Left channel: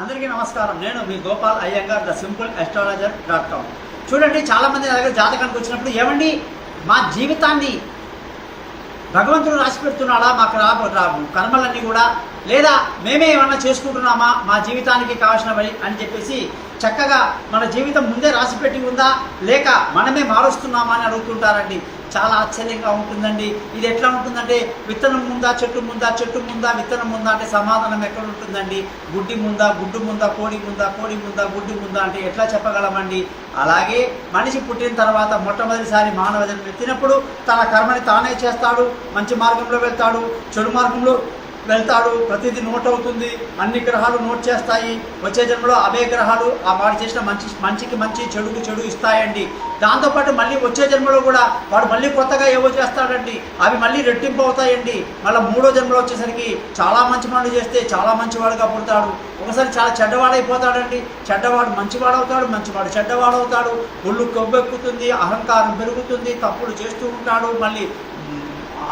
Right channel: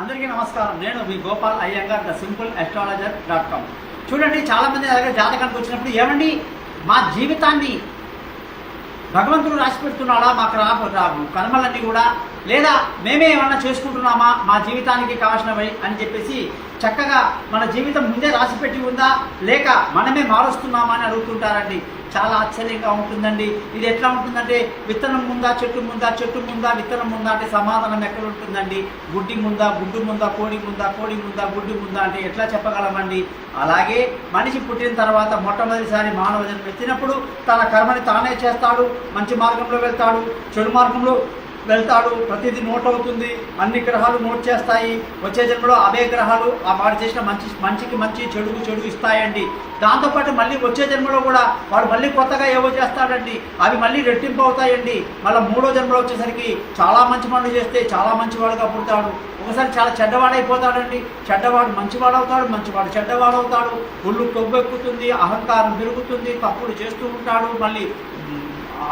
అందరికీ నమస్కారం. నేను మీ Gopal Iyengar, the simple astrologer.com. చూడండి, చాలామంది నా దగ్గర జాతకానికి వచ్చినప్పుడు ఏమండి మా జీవితాన్ని భగవంతుడు రాసి పెడుతున్నాడా, మాకు రాబు కర్మలన్నీ కూడా, లేదా మేమే ఏమన్నా చేసుకుంటున్నామా మా జీవితానికి కావాల్సినవి అని చెప్పేసి చక్కగా మన జీవితం ముందే రాసిపెట్టి ఉందా లేక మనమే మారుస్తున్నామా అని అడుగుతుంటారండి. చాలా ఆశ్చర్యంగా ఉంటుందండి. ఇది ఎట్లా ఉంటుందంటే విత్తనం ముందా చెట్టు ముందా, చెట్టు ముందా విత్తనం ముందా అంటే సమాధానం ఎక్కడ ఉంటుందండి? గుడ్డి ముందా, గుడ్డు ముందా, కోడి ముందా, కోడి ముందా, గుడ్డి ముందా అంటే ఎట్లా చెప్పగలమండి? అలాగే మనిషి పుట్టిన తర్వాత మొట్టమొదటిసారి మానవ జన్మ ఎత్తినప్పుడు తన కర్మని తానే చేస్తాడు. మంచి మార్గంలో వెళ్తాడు, చెడు మార్గంలో వెళ్తాడు. ప్రతిదీ నోట్ అవుతుంది, అన్ని గ్రహాలు నోట్ చేస్తాయి. వచ్చే జన్మలో అవే గ్రహాలు ఆ వాడు చేసిన మంచికి మంచి, చెడుకు చెడు ఇస్తాయండి. దాంతోపాటు మళ్ళీ వచ్చే జన్మలో కూడా వాడు మళ్ళీ కొత్తగా ఏవో చేస్తాడండి, అవి మళ్ళీ రెట్టింపు అవుతాయండి. మళ్ళీ మూడో జన్మలో వచ్చేసరికి చాలా మంచి పనులు చేస్తే చాలా మంచివాడుగా పుడతాడు. ఒకసారి చాలా చెడ్డవాడైపోతాడండి, చెడ్డవాడు మంచివాడవుతాడు, మంచివాడు చెడ్డవాడవుతాడు. ఒళ్ళు కొవ్వెక్కుతుంది, అహంకారం పెరుగుతుంది, తప్పులు చేస్తూ ఉంటాడు. మళ్ళీ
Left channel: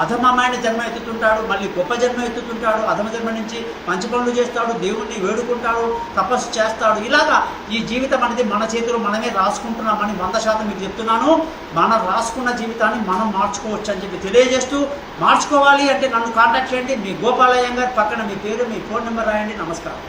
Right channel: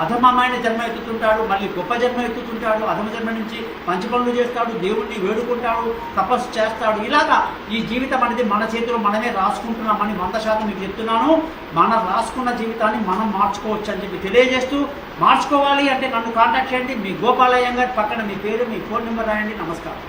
అధమమైన జన్మ ఎత్తుతుంటాడు, మళ్ళీ గొప్ప జన్మ ఎత్తుతుంటాడు. అధమ జన్మ నుంచి మంచి పనులు చేస్తాడు, దేవుణ్ణి వేడుకుంటాడు, తపస్సు చేస్తాడు. ఇలాగా ఈ జీవితం అనేది మన చేతిలో మనమే రాసుకుంటున్నామని 100% మీకు చెప్తున్నాను. మనం రాసుకున్న జీవితాన్ని మనం మార్చుకోవచ్చు అని చెప్పి తెలియజేస్తూ, మార్చుకోవాలి అంటే నన్ను కాంటాక్ట్ చేయండి. మీ గోపాల్ అయ్యంగార్, పక్కన మీ పేరు, మీ ఫోన్ నెంబర్ రాయండి. నమస్కారం.